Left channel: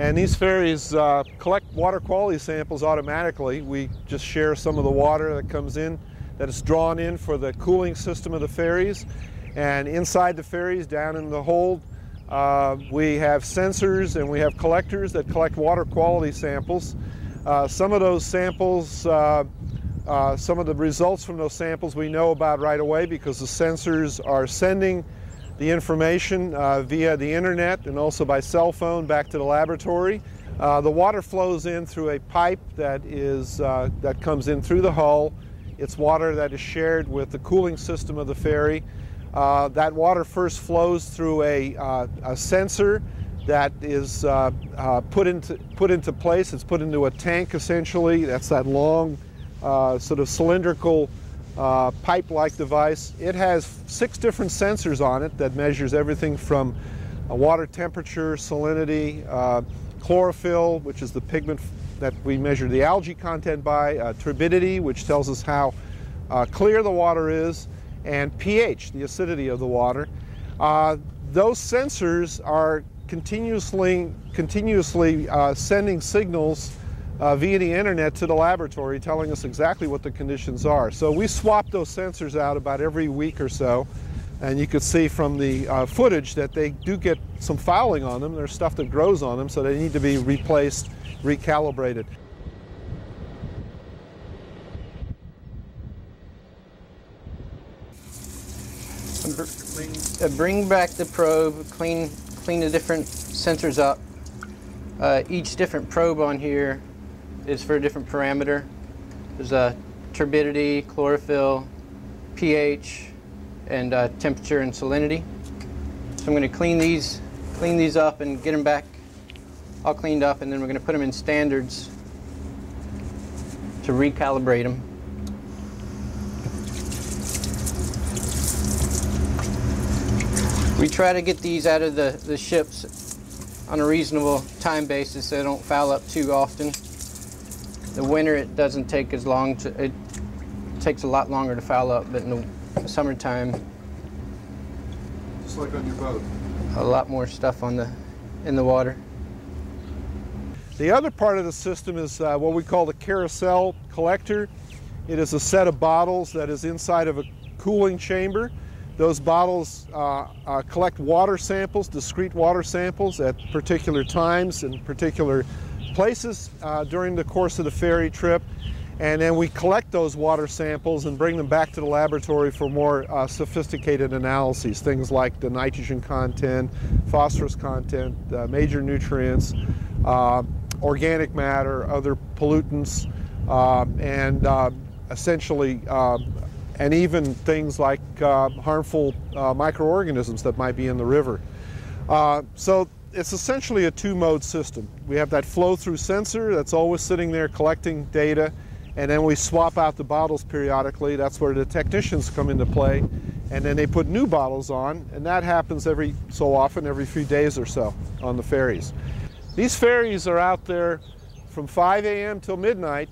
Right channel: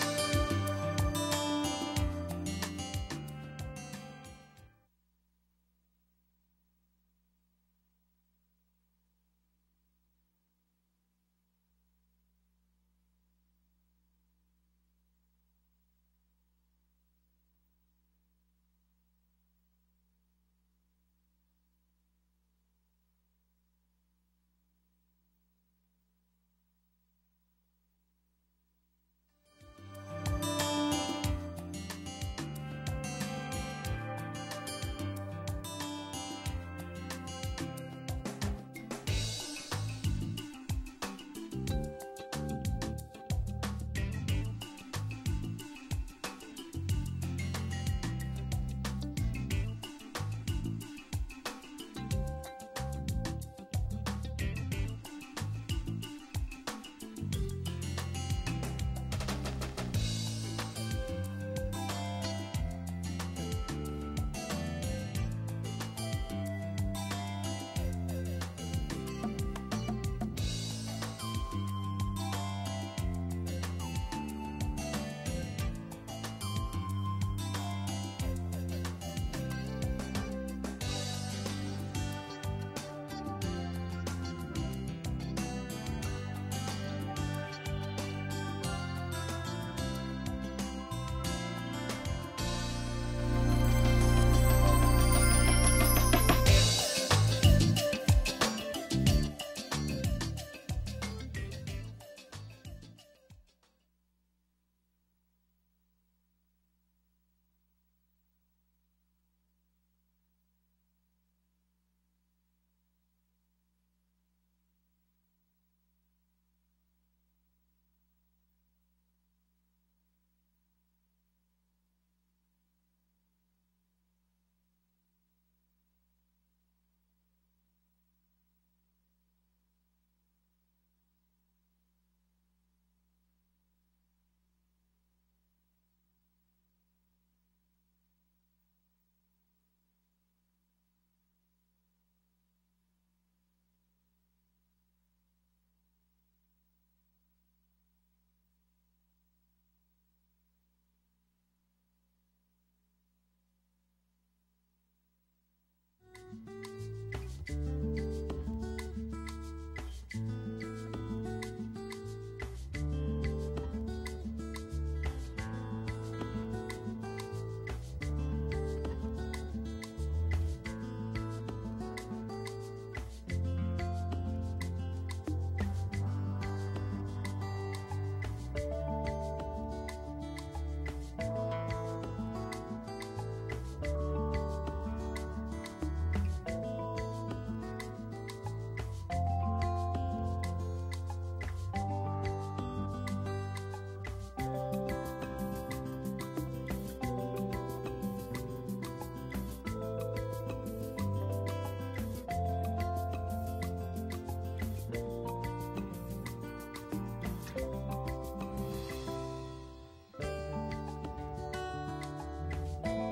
And these ferries collect water quality samples automatically. We just share some of the water that comes in, that is drawn in for the cooling system of the ferries. And inside the ferries, down in the hold, we have sensors and we have collectors that collect water quality samples. Some of those samples, some of the results from those samples we know about right away because the sensors are sending the information via the internet and also by cell phone back to the laboratory. The water flows in through a pipe that comes in through the hull. It's water that is shared with the cooling system of the ferry. That water first flows through a sensor that is put into place. It's put into a tank essentially. That's that long sort of cylindrical pipe-like device. It has 6 different sensors on it that measures everything from water temperature, salinity, chlorophyll, which is the pigment that we measure the algae content by, turbidity, which tells us how clear the water is, and pH, the acidity of the water. Those sensors are continuously sending signals via the internet to the laboratory, telling us exactly what the conditions are. So we swap those sensors out about every week or so, and you can see from the footage that they do get some fouling on them. There's stuff that grows on them, so they need to be replaced, recalibrated. Bring back the probe, clean the different sensors up. Each different probe on here is for a different parameter. There's turbidity, chlorophyll, pH, and temperature and salinity. So I'm going to clean these up and get them back all cleaned up, and then we're going to put them in standards to recalibrate them. We try to get these out of the ships on a reasonable time basis so they don't foul up too often. The winter it doesn't take as long it takes a lot longer to foul up, but in the summertime, just like on your boat, a lot more stuff in the water. The other part of the system is what we call the carousel collector. It is a set of bottles that is inside of a cooling chamber. Those bottles collect water samples, discrete water samples at particular times and particular places during the course of the ferry trip. And then we collect those water samples and bring them back to the laboratory for more sophisticated analyses, things like the nitrogen content, phosphorus content, major nutrients, organic matter, other pollutants, and essentially and even things like harmful microorganisms that might be in the river. So it's essentially a 2-mode system. We have that flow-through sensor that's always sitting there collecting data, and then we swap out the bottles periodically. That's where the technicians come into play, and then they put new bottles on, and that happens every so often, every few days or so on the ferries. These ferries are out there from 5 a.m. till midnight,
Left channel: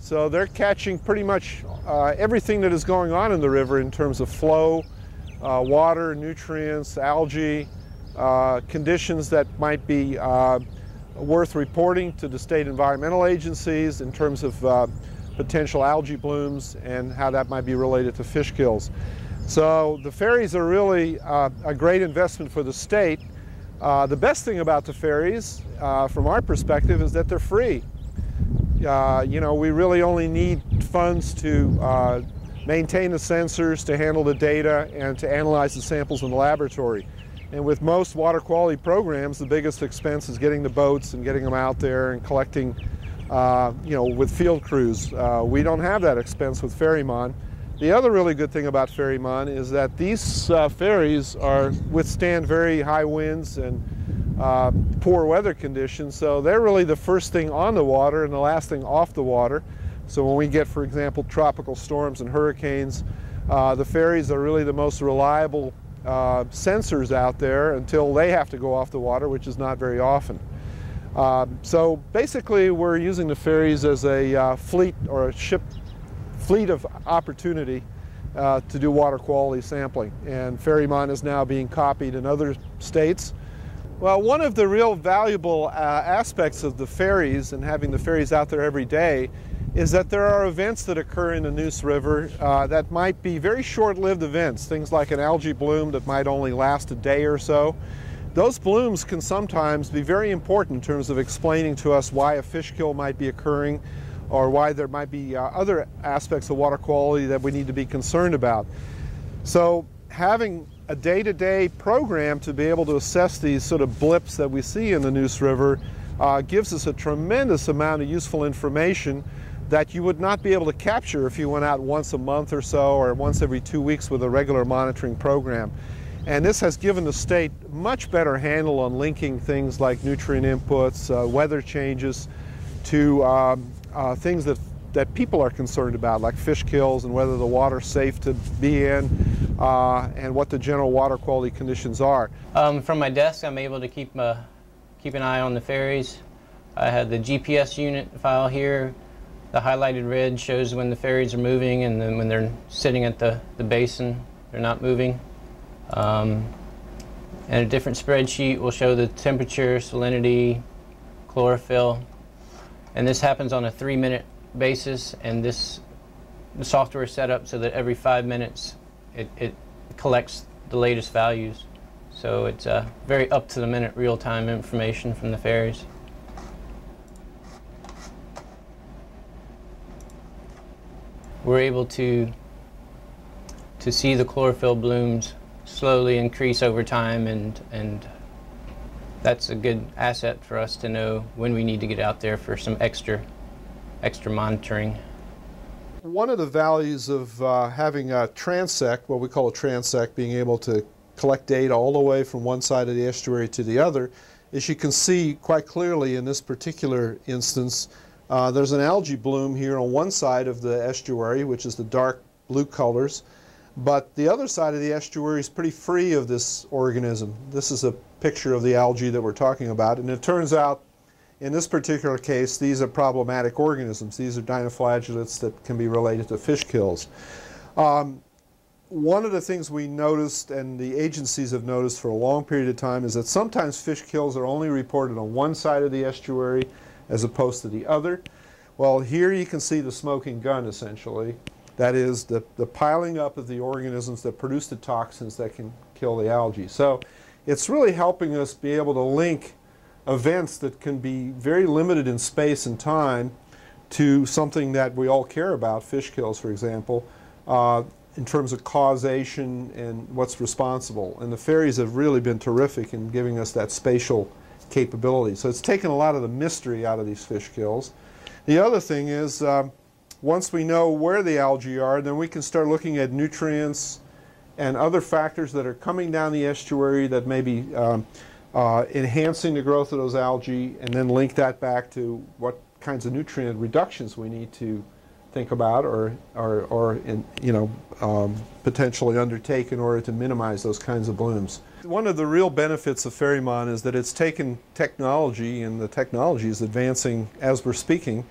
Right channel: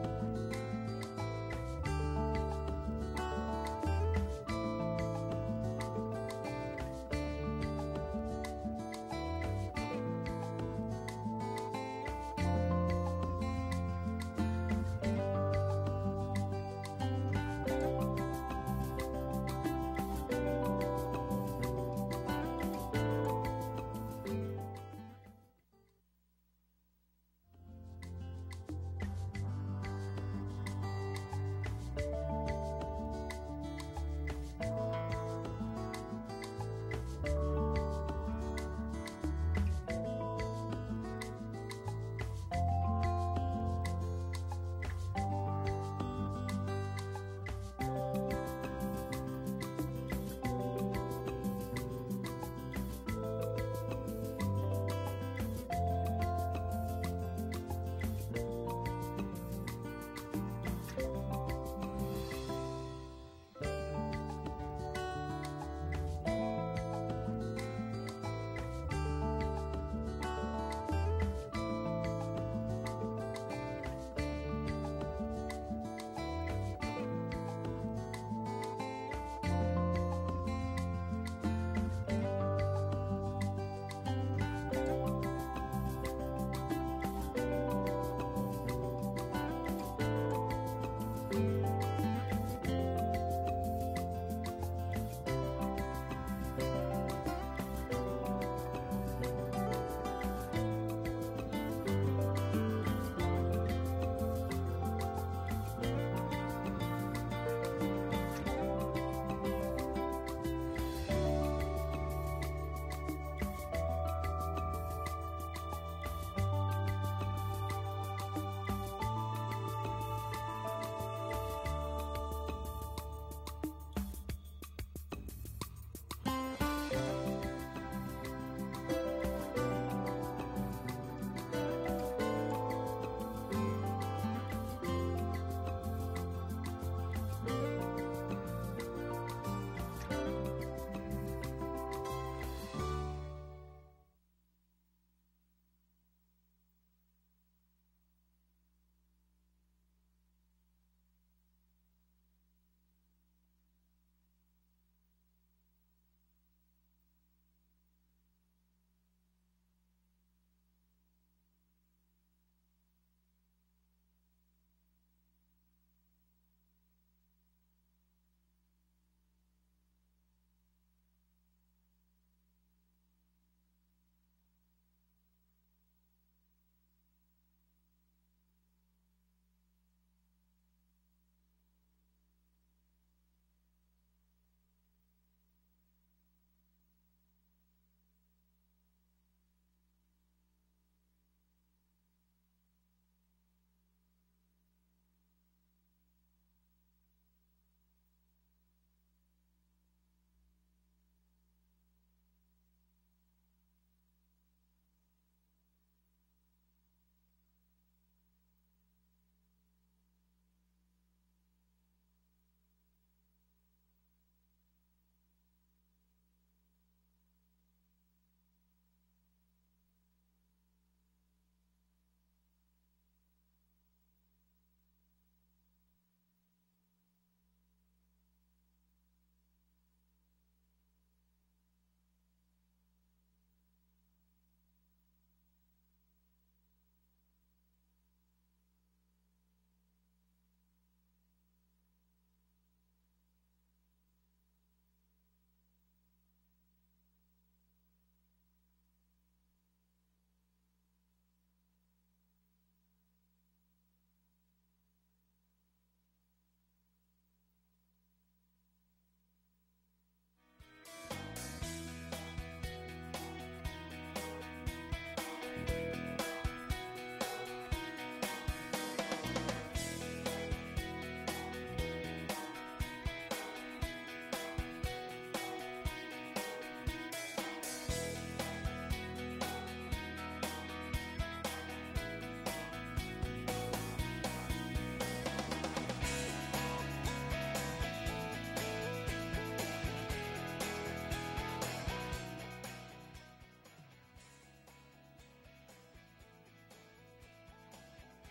so they're catching pretty much everything that is going on in the river in terms of flow, water, nutrients, algae, conditions that might be worth reporting to the state environmental agencies in terms of potential algae blooms and how that might be related to fish kills. So the ferries are really a great investment for the state. The best thing about the ferries, from our perspective, is that they're free. You know, we really only need funds to maintain the sensors, to handle the data, and to analyze the samples in the laboratory. And with most water quality programs, the biggest expense is getting the boats and getting them out there and collecting, you know, with field crews. We don't have that expense with FerryMon. The other really good thing about FerryMon is that these ferries withstand very high winds and poor weather conditions, so they're really the first thing on the water and the last thing off the water. So when we get, for example, tropical storms and hurricanes, the ferries are really the most reliable sensors out there until they have to go off the water, which is not very often. So basically we're using the ferries as a fleet or a fleet of opportunity to do water quality sampling. And FerryMon is now being copied in other states. Well, one of the real valuable aspects of the ferries and having the ferries out there every day is that there are events that occur in the Neuse River that might be very short-lived events, things like an algae bloom that might only last a day or so. Those blooms can sometimes be very important in terms of explaining to us why a fish kill might be occurring or why there might be other aspects of water quality that we need to be concerned about. So having a day-to-day program to be able to assess these sort of blips that we see in the Neuse River gives us a tremendous amount of useful information that you would not be able to capture if you went out once a month or so or once every 2 weeks with a regular monitoring program. And this has given the state much better handle on linking things like nutrient inputs, weather changes, to things that people are concerned about, like fish kills and whether the water's safe to be in, and what the general water quality conditions are. From my desk, I'm able to keep an eye on the ferries. I have the GPS unit file here. The highlighted red shows when the ferries are moving, and then when they're sitting at the basin, they're not moving. And a different spreadsheet will show the temperature, salinity, chlorophyll. And this happens on a 3-minute basis, and the software is set up so that every 5 minutes it collects the latest values. So it's very up-to-the-minute real-time information from the ferries. We're able to see the chlorophyll blooms slowly increase over time, and that's a good asset for us to know when we need to get out there for some extra monitoring. One of the values of having a transect, what we call a transect, being able to collect data all the way from one side of the estuary to the other, is you can see quite clearly in this particular instance, there's an algae bloom here on one side of the estuary, which is the dark blue colors, but the other side of the estuary is pretty free of this organism. This is a picture of the algae that we're talking about, and it turns out in this particular case these are problematic organisms. These are dinoflagellates that can be related to fish kills. One of the things we noticed, and the agencies have noticed for a long period of time, is that sometimes fish kills are only reported on one side of the estuary as opposed to the other. Well, here you can see the smoking gun, essentially. That is the piling up of the organisms that produce the toxins that can kill the algae. So it's really helping us be able to link events that can be very limited in space and time to something that we all care about, fish kills, for example, in terms of causation and what's responsible. And the ferries have really been terrific in giving us that spatial capability. So it's taken a lot of the mystery out of these fish kills. The other thing is, once we know where the algae are, then we can start looking at nutrients and other factors that are coming down the estuary that may be enhancing the growth of those algae, and then link that back to what kinds of nutrient reductions we need to think about or potentially undertake in order to minimize those kinds of blooms. One of the real benefits of FerryMon is that it's taken technology, and the technology is advancing as we're speaking,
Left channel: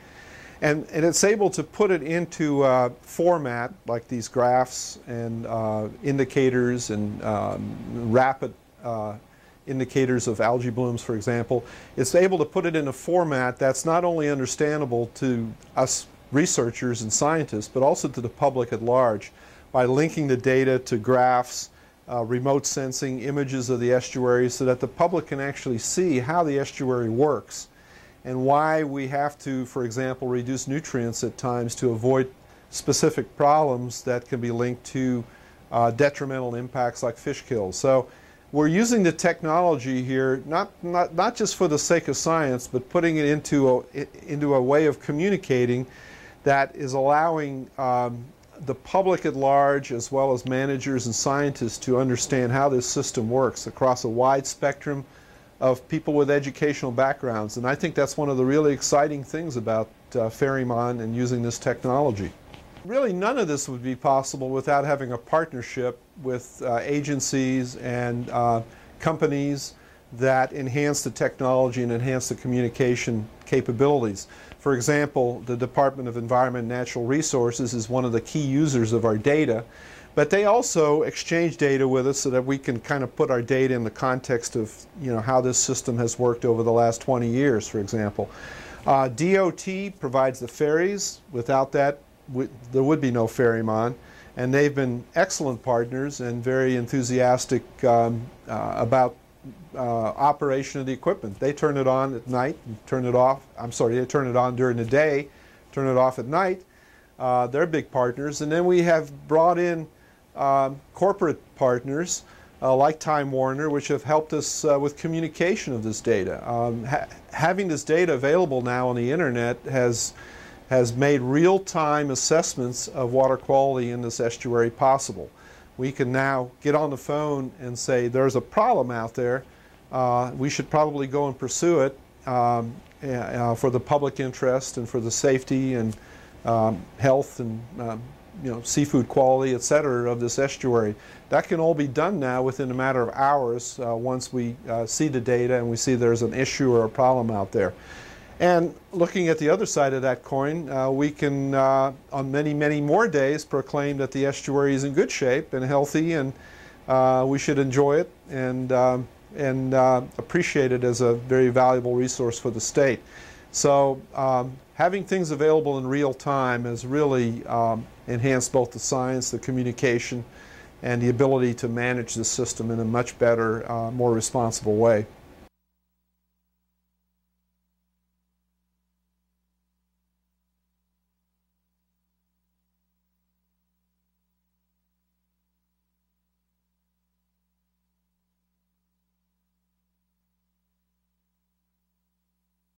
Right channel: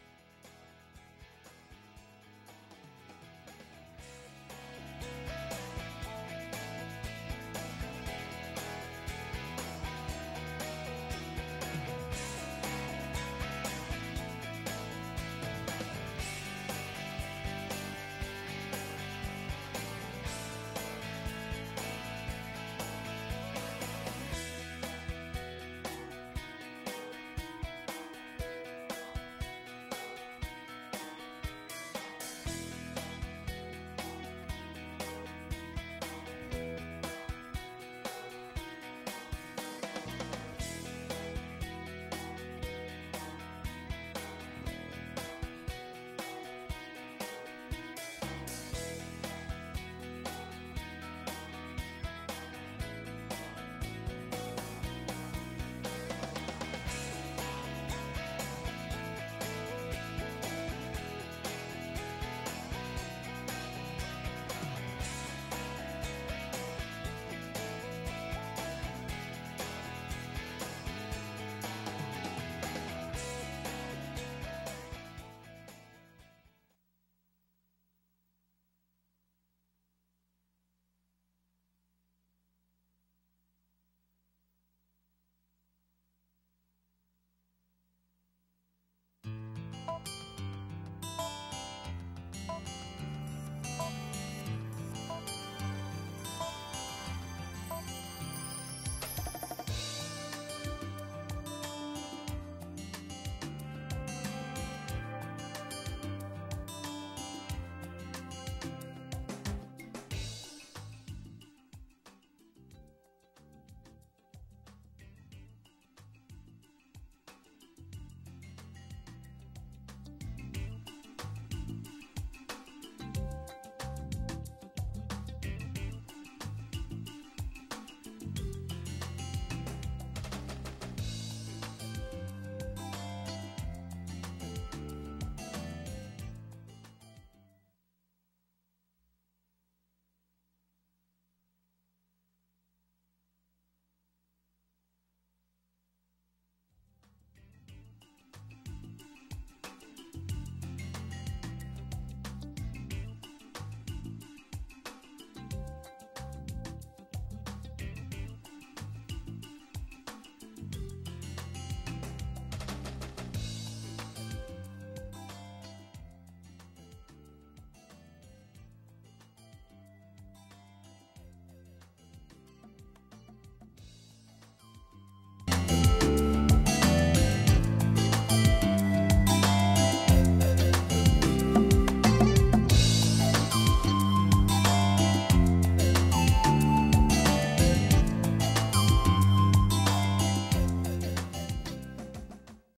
and it's able to put it into format like these graphs and indicators and rapid indicators of algae blooms, for example. It's able to put it in a format that's not only understandable to us researchers and scientists, but also to the public at large, by linking the data to graphs, remote sensing, images of the estuary, so that the public can actually see how the estuary works and why we have to, for example, reduce nutrients at times to avoid specific problems that can be linked to detrimental impacts like fish kills. So we're using the technology here not just for the sake of science, but putting it into a way of communicating that is allowing the public at large, as well as managers and scientists, to understand how this system works across a wide spectrum of people with educational backgrounds. And I think that's one of the really exciting things about FerryMon and using this technology. Really, none of this would be possible without having a partnership with agencies and companies that enhance the technology and enhance the communication capabilities. For example, the Department of Environment and Natural Resources is one of the key users of our data, But they also exchange data with us so that we can kind of put our data in the context of, you know, how this system has worked over the last 20 years, for example. DOT provides the ferries. Without that, there would be no FerryMon. And they've been excellent partners and very enthusiastic about operation of the equipment. They turn it on at night and turn it off. I'm sorry, they turn it on during the day, turn it off at night. They're big partners. And then we have brought in corporate partners like Time Warner, which have helped us with communication of this data. Having this data available now on the internet has made real-time assessments of water quality in this estuary possible. We can now get on the phone and say there's a problem out there. We should probably go and pursue it for the public interest and for the safety and health and you know, seafood quality, etc. of this estuary. That can all be done now within a matter of hours once we see the data and we see there's an issue or a problem out there. And looking at the other side of that coin, we can, on many, many more days, proclaim that the estuary is in good shape and healthy, and we should enjoy it and appreciate it as a very valuable resource for the state. So having things available in real time has really enhanced both the science, the communication, and the ability to manage the system in a much better, more responsible way.